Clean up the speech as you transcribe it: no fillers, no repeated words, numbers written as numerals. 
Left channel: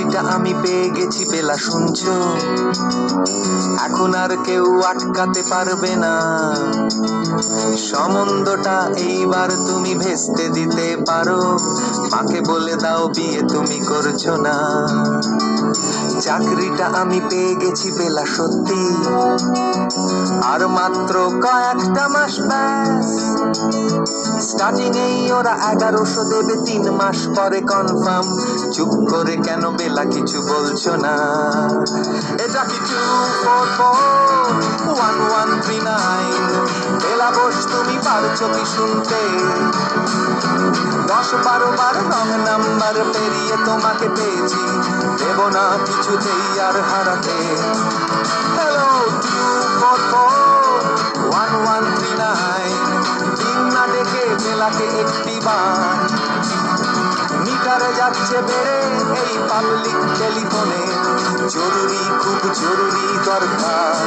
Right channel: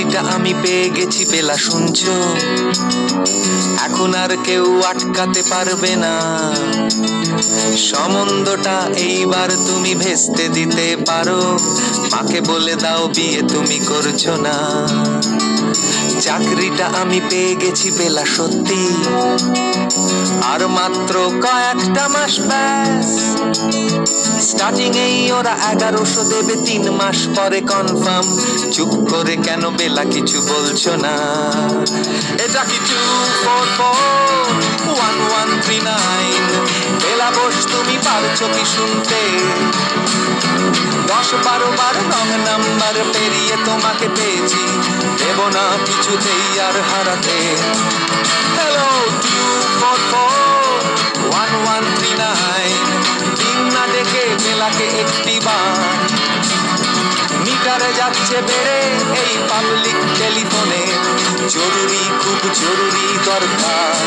চাকরিটা আমি পেয়ে গেছি, বেলা শুনছো? এখন আর কেউ আটকাতে পারবে না। সম্বন্ধটা এইবার তুমি ভেস্তে দিতে পারো, মাকে বলে দাও বিয়ে তুমি করছো না। চাকরিটা আমি পেয়ে গেছি বেলা সত্যি, আর মাত্র কয়েকটা মাস ব্যাস। স্টার্টিং এই ওরা 1100 দেবে, 3 মাস পরে কনফার্ম। চুপ করে কেন বেলা কিছু বলছো না? এটা কি 2441139? বেলা বোস তুমি পারছো কি শুনতে? 10-12 বার রং নাম্বার পেরিয়ে তোমাকে পেয়েছি, দেব না কিছুতেই আর হারাতে। হ্যালো 2441139, দিন না ডেকে বেলাকে একটি বার। মিটারে যাচ্ছে বেড়ে এই পাবলিক টেলিফোনে, জরুরি খুব জরুরি দরকার।